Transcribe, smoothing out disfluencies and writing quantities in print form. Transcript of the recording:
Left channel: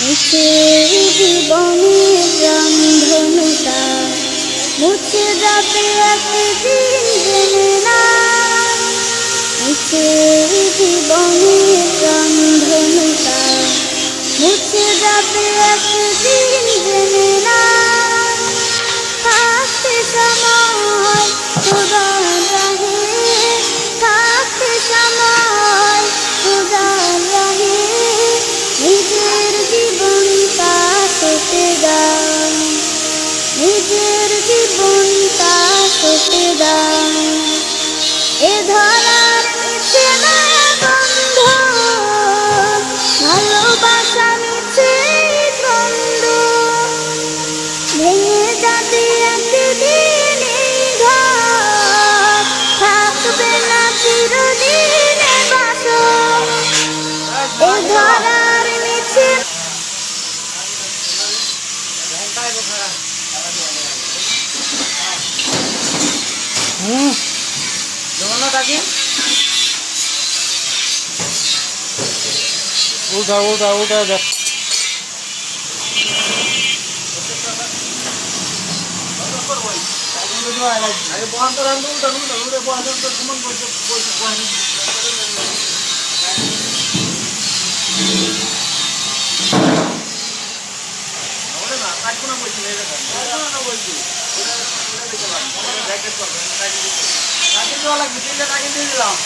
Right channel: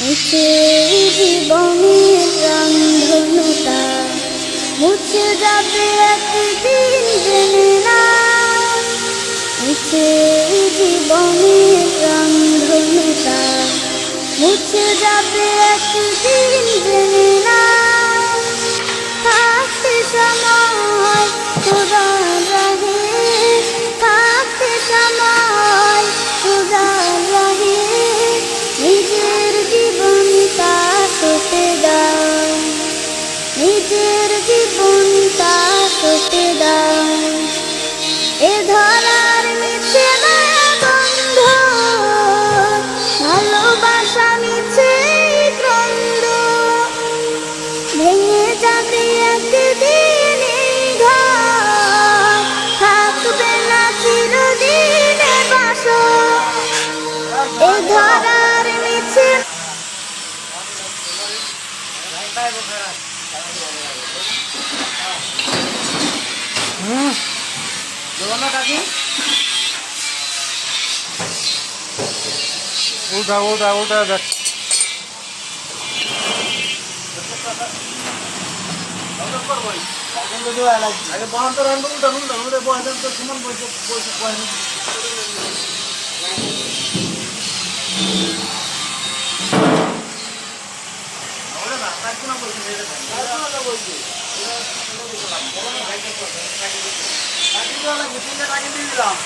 মিছে জীবনের রংধনুটা মুছে যাবে একদিন জেনে না। মিছে জীবনের রংধনুটা মুছে যাবে একদিন জেনে না। থাকতে সময় খোদার রাহে, থাকতে সময় খোদার রাহে, নিজের জীবনটা সঁপে দাও, নিজের জীবনটা সঁপে দাও। এ ধরার মিছে মায়া গন্ধ, ভালোবাসা মিছে ক্রন্দ, ভেঙে যাবে একদিন এই ঘর, থাকবে না চিরদিনে বাসর। এ ধরার মিছে উল্টা উল্টা উল্টা দেখ। আগে বহান তো রাখবো, উল্টা উল্টা উল্টা বহান তো সমান বসে বহান। না কাটবো না বলছি, কাটবো না বলছি, কাটি দেওয়া লাগবে, তিনটা টাকা দিয়ে দিলাম।